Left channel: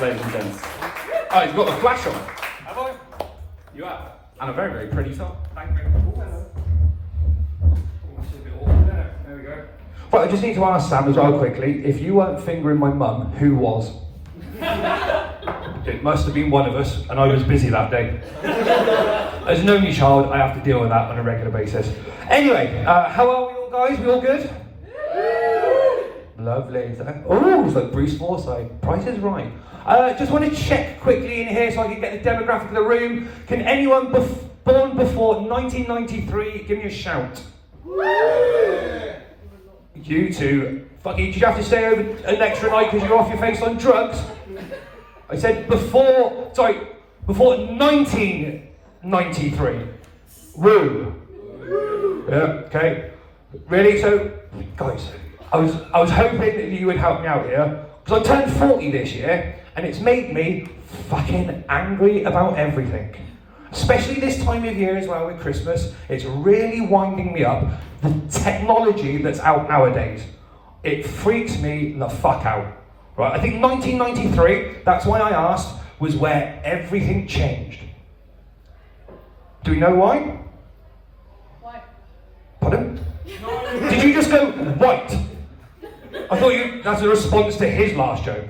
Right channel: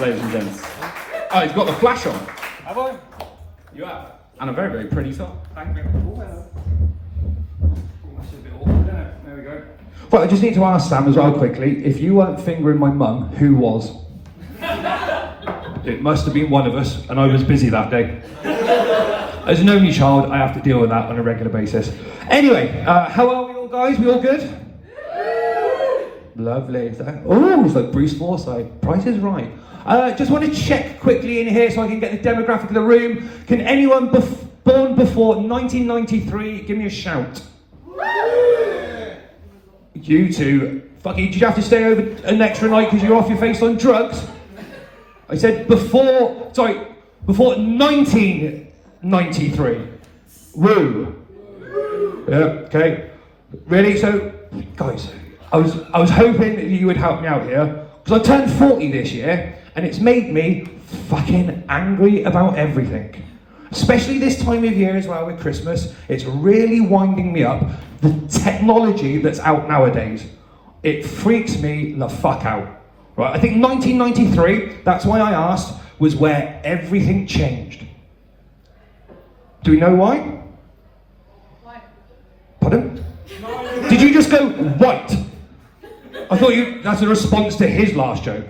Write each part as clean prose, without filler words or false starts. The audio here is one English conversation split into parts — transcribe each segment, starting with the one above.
ladies and gents. Oh, he's got a flash on. Have I? You have? And a very, very pretty song. Thank you. Oh, hello. Oh, that's a bit awkward, isn't it? There we go. But I just need to ask Sam as well quickly, if you weren't fingering my mum, who was? It must have been one of us, and I was busy that day. As an only child, I have to deal with that on a regular basis. Anyway, how are we all, guys? We all good? Lovely. Oh, it's like Bruce Forsyth. Price is right. Just want to check quickly in here so I can get the demographic of the room. Can anyone born before 1993 give me a shout? You two. Fucking, did you have to stay over an extra night because you're off your face on drugs? I said before 1993. Woo. Yeah, okay. Really? So, guys, I was hoping that you would help me out here, because I turned 40 this year, and it's made me fucking angry about everything. Especially this time of year as well with Christmas, it's really winding me up. The technology that's out nowadays, it freaks me the fuck out. Right, I think 1993, that's why I asked, was where everything changed. Do we know why? Why? Pardon? Did you just go, what? I thought that's a response to his last joke.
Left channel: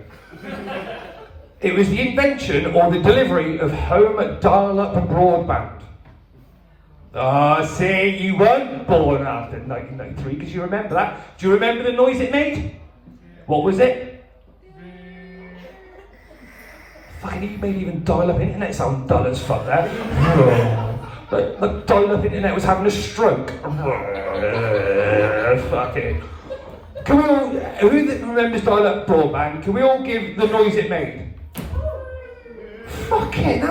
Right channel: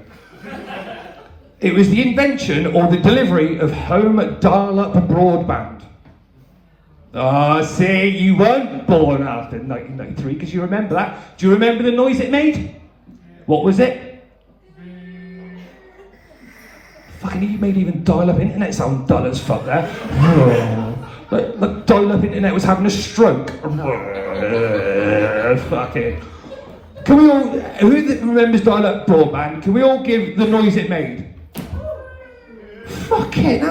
It was the invention or the delivery of home dial-up broadband. See, you weren't born after 1993 because you remember that. Do you remember the noise it made? What was it? Fucking, you made even dial-up internet sound dull as fuck there. The dial-up internet was having a stroke. Fuck it. Can we all, who remembers dial-up broadband, can we all give the noise it made? Fuck it.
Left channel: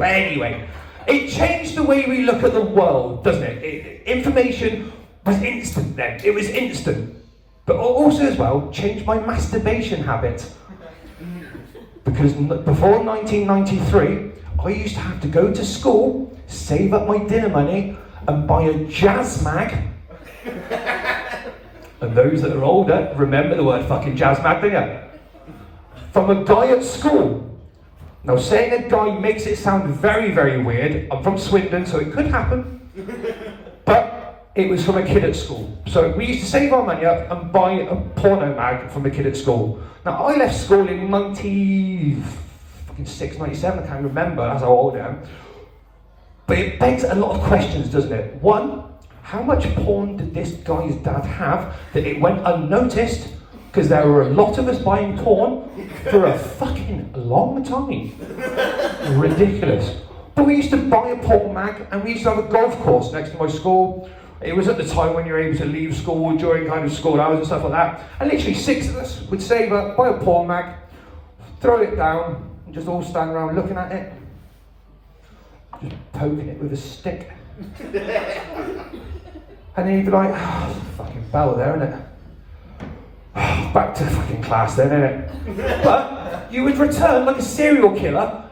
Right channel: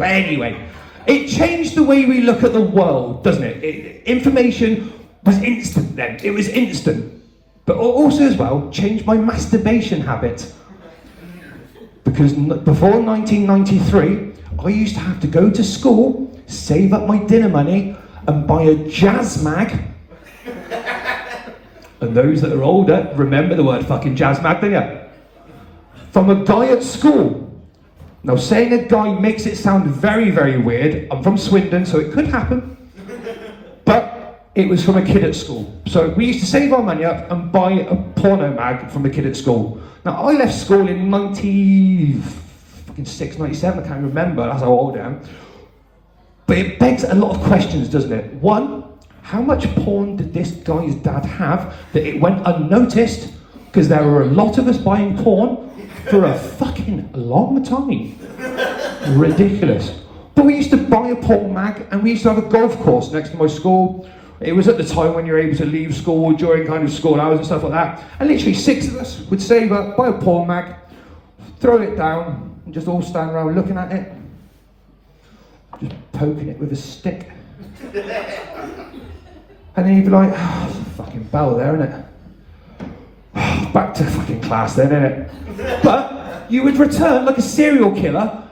Anyway, it changed the way we look at the world, doesn't it? Information was instant then. It was instant. But also as well, changed my masturbation habit. Because before 1993, I used to have to go to school, save up my dinner money, and buy a jazz mag. And those that are older remember the word fucking jazz mag, don't you? From a guy at school. Now, saying a guy makes it sound very, very weird. I'm from Swindon, so it could happen. But it was from a kid at school. So we used to save our money up and buy a porno mag from the kid at school. Now, I left school in 96, 97, I can't remember, that's how old I am. But it begs a lot of questions, doesn't it? One, how much porn did this guy's dad have that it went unnoticed? Because there were a lot of us buying porn for a fucking long time. Ridiculous. But we used to buy a porn mag and we used to have a golf course next to my school. It was at the time when you were able to leave school during kind of school hours and stuff like that. And literally 6 of us would save up, buy a porn mag, throw it down, and just all stand around looking at it. Just poking it with a stick. And then you'd be like, oh, there's a fucking bell there, isn't it? Back to fucking class then, innit? But you would return like a serial killer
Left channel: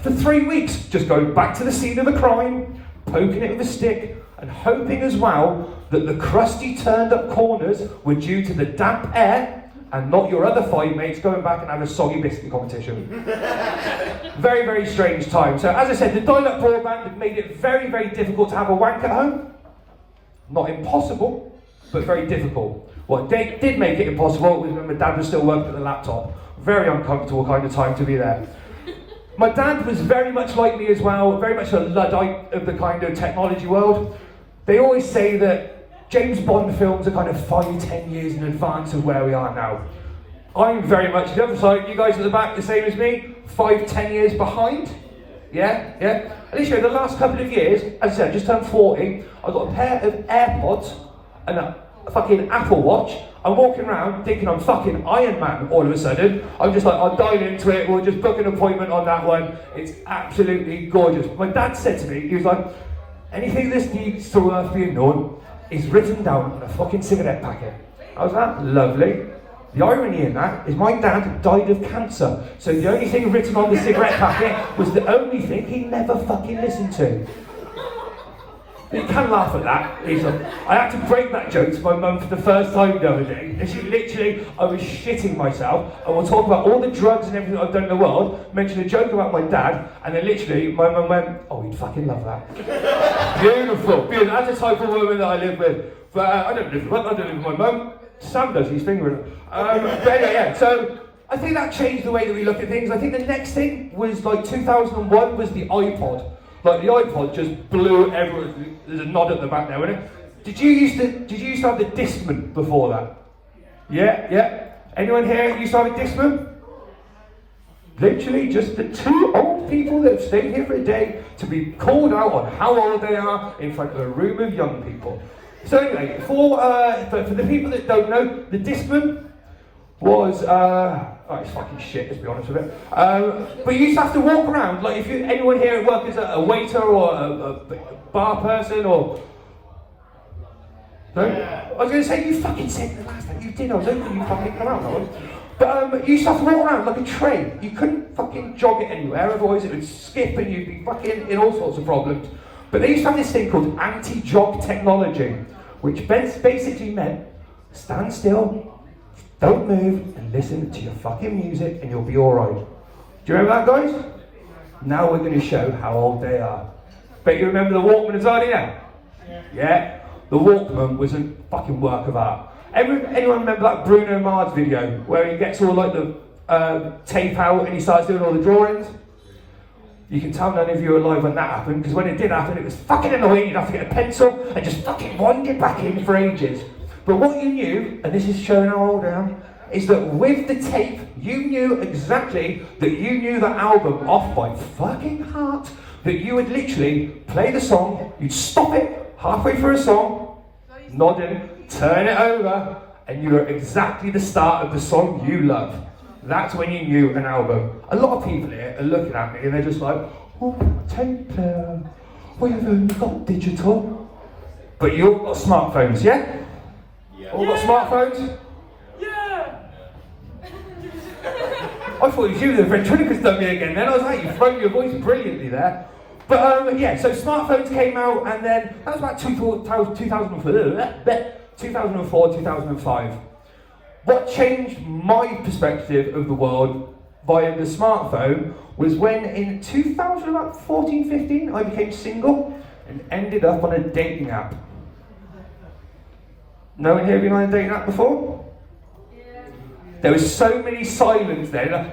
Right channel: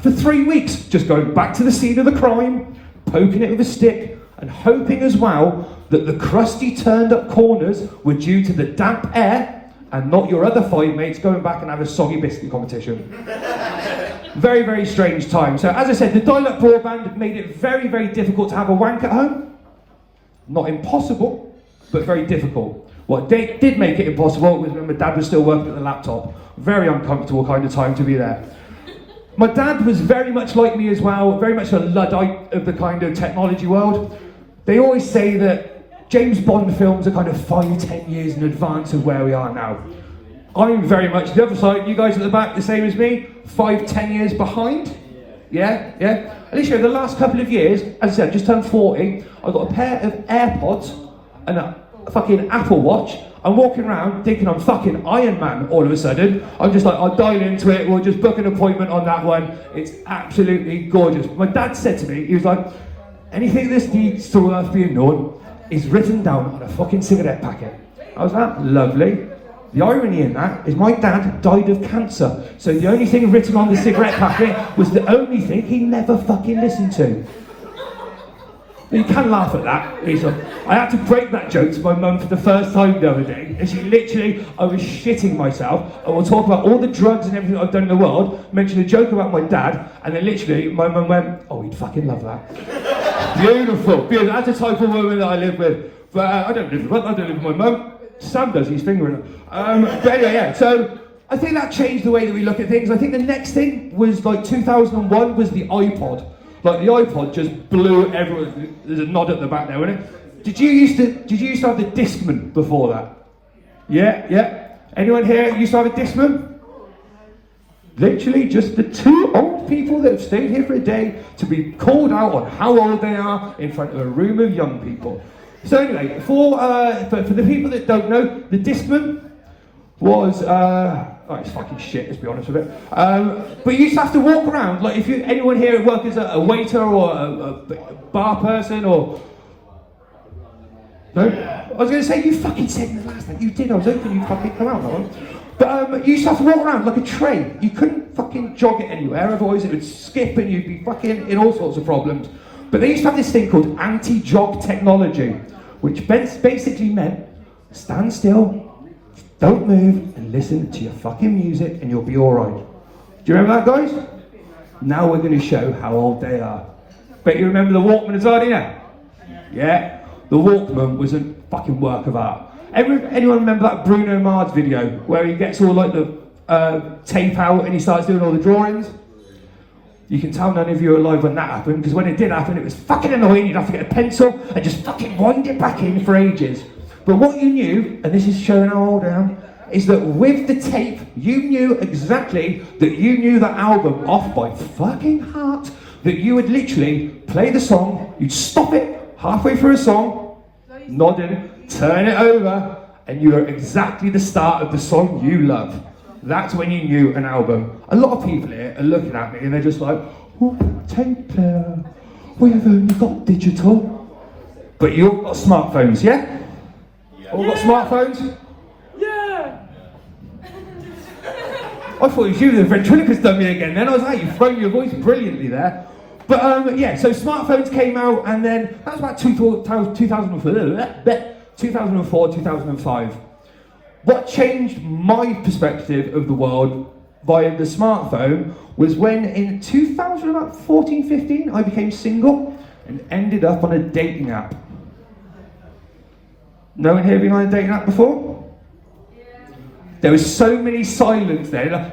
for 3 weeks, just going back to the scene of the crime, poking it with a stick, and hoping as well that the crusty turned up corners were due to the damp air and not your other 5 mates going back and have a soggy biscuit competition. Very, very strange time. So as I said, the dial-up broadband made it very, very difficult to have a wank at home. Not impossible, but very difficult. What did make it impossible was when my dad was still working at the laptop. Very uncomfortable kind of time to be there. My dad was very much like me as well, very much a Luddite of the kind of technology world. They always say that James Bond films are kind of 5-10 years in advance of where we are now. I'm very much the other side. You guys at the back, the same as me, 5-10 years behind. Yeah. At least the last couple of years, as I said, just turned 40. I've got a pair of AirPods and a fucking Apple Watch. I'm walking around thinking I'm fucking Iron Man all of a sudden. I'm just like, I'll dive into it, we'll just book an appointment on that one. It's absolutely gorgeous. My dad said to me, he was like, anything this needs to worth being known is written down on a fucking cigarette packet. I was like, lovely. The irony in that is my dad died of cancer, so the only thing written on the cigarette packet was the only thing he never fucking listened to. You can laugh at that. I had to break that joke to my mum for the first time the other day, and she literally, I was shitting myself, and we'll talk about all the drugs and everything I've done in the world, mentioned a joke about my dad, and then literally my mum went, oh, we'd fucking love that. Beautiful, beautiful. That's the type of woman that I live with. But I don't live with her, I don't live with my mum. Sam does, he's fingering. Yeah. So I think that changed the way that we look at things. I think the next thing was like 2001 was the iPod. Like the iPod just blew everyone. There's a nod at the back there, isn't it? Did you used to have the Discman before that? Yeah. Anyone here used to have a Discman? Literally just the two old people that have stayed here for a day to be called out on how old they are in front of a room of young people. So anyway, for the people that don't know, the Discman was it's fucking shit, let's be honest with it. But you used to have to walk around, like if anyone here at work is a waiter or a bar person or... No? I was going to say, you fucking said the last thing you did, I was hoping you fucking come out, right? But you used to have to walk around like a train. You couldn't fucking jog it anywhere, otherwise it would skip and you'd be fucking in all sorts of problems. But they used to have this thing called anti-jog technology, which basically meant stand still, don't move, and listen to your fucking music and you'll be alright. Do you remember that, guys? Now we're going to show how old they are. Bet you remember the Walkman as well, didn't you? Yeah. The Walkman was a fucking work of art. Anyone remember that Bruno Mars video where he gets all like the tape out and he starts doing all the drawings? You can tell none of you are alive when that happened, because when it did happen it was fucking annoying. You'd have to get a pencil and just fucking wind it back in for ages. But what you knew, and this is showing how old I am, is that with the tape, you knew exactly that you knew the album off by fucking heart. That you would literally play the song, you'd stop it halfway through a song, nod in, turn it over, and you were exactly the start of the song you love. That's when you knew an album. A lot of people here are looking at me and they're just like, what tape player? We haven't got digital. But you all got smartphones, yeah? All got smartphones? Yeah! I thought it was you, the ventriloquist done me again then. I was like, you've thrown your voice brilliantly there. But yeah, so smartphones came out and then, that was about 2004, 2005. What changed my perspective of the world via the smartphone was when in 2014, 15, I became single and ended up on a dating app. No one here been on a dating app before? Yeah. There was so many silence then.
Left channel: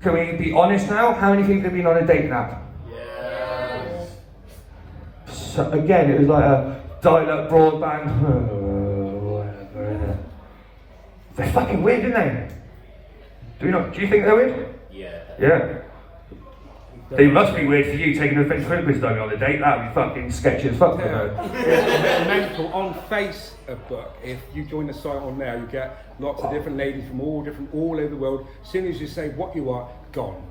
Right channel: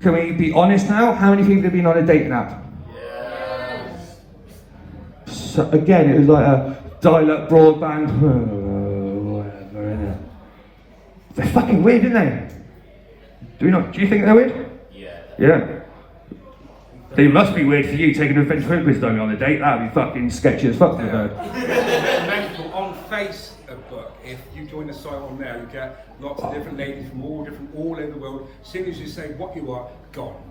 Can we be honest now? How many people have been on a dating app? Yes. So again, it was like a dial-up broadband. They're fucking weird, aren't they? Do you think they're weird? Yeah. They must be weird for you taking a ventriloquist dummy on a date. That'd be fucking sketchy as fuck. Mental on Facebook. If you join the site on there, you get lots of different ladies from all over the world. As soon as you say what you are, gone.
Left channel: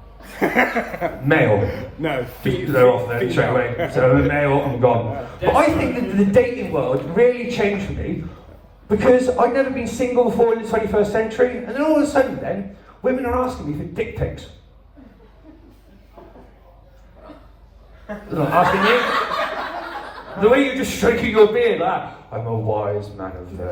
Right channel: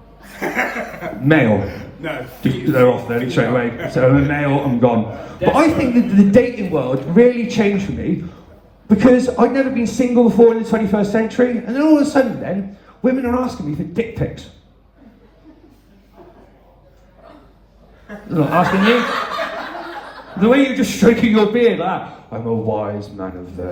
Male. No. Just they're off there straight away. So I'm male, I'm gone. But I think that the dating world really changed for me because I'd never been single before in the 21st century, and then all of a sudden, then women are asking me for dick pics. I'm not asking you. The way you're just stroking your beard, I'm a wise man of the...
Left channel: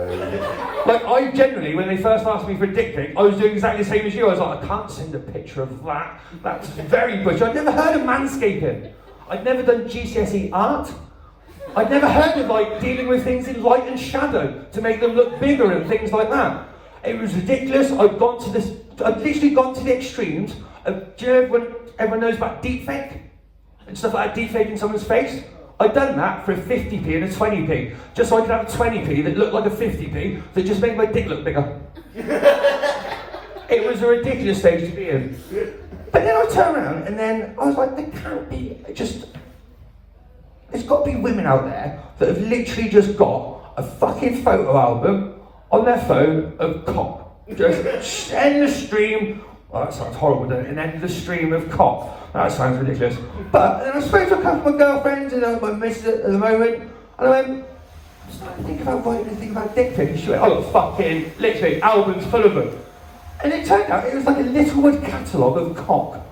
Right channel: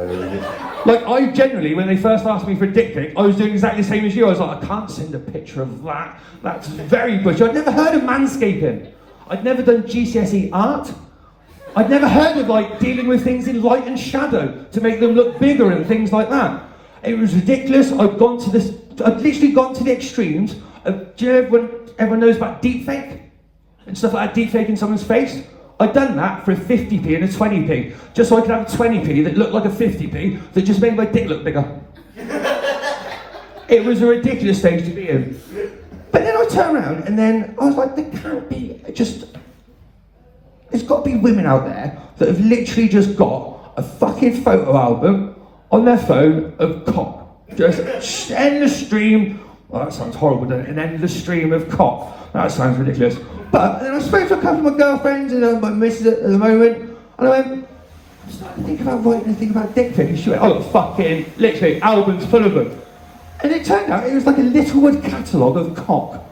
Like, I generally, when they first asked me for a dick pic, I was doing exactly the same as you. I was like, I can't send a picture of that. That's very butch. I'd never heard of manscaping. I'd never done GCSE art. I'd never heard of, like, dealing with things in light and shadow to make them look bigger and things like that. It was ridiculous. I'd literally gone to the extremes of, do you know when everyone knows about deepfake? And stuff like that, deepfaking someone's face. I'd done that for a 50p and a 20p, just so I could have a 20p that looked like a 50p that just made my dick look bigger. It was a ridiculous stage to be in. But then I turned around and then I was like, there can't be, there's got to be women out there that have literally just got a fucking photo album on their phone of cock. Just endless stream, oh that sounds horrible, doesn't it? An endless stream of cock. That sounds ridiculous. But then I spoke to a couple of my girlfriends and my missus at the moment, and I started to think about writing and think about dick pics. And she went, oh, fucking, literally, albums full of them. And it turned out it was like a Littlewood catalogue of cock.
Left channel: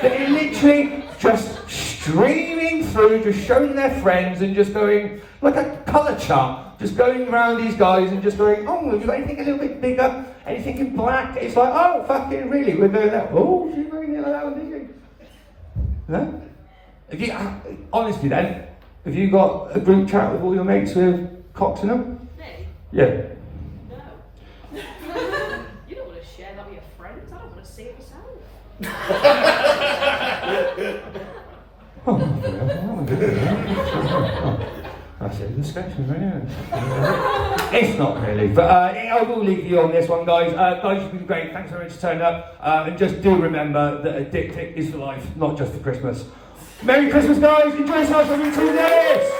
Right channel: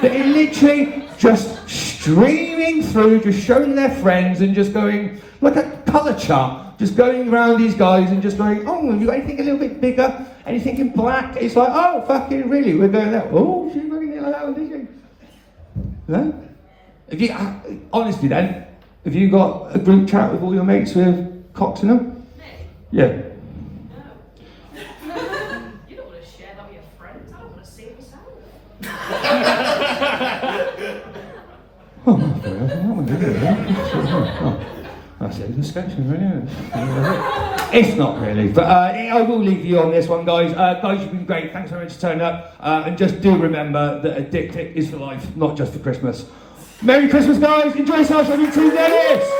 They're literally just streaming through, just showing their friends and just going, like a colour chart, just going around these guys and just going, oh, you got anything a little bit bigger? Anything in black? It's like, oh, fucking really? We're doing that. Oh, she's really allowed, isn't it? No? Again, honestly then, have you got a group chat with all your mates with cocks in them? Me? Yeah. No. You don't want to share that with your friends. I don't want to see it myself. That's a discussion, yeah. It's not really, but I will leave you on this one, guys. Guys, you've been great. Thanks very much for turning up. And just do remember that a dick pic is for life, not just for Christmas. Merry Christmas, guys. Enjoy yourselves every 2 days.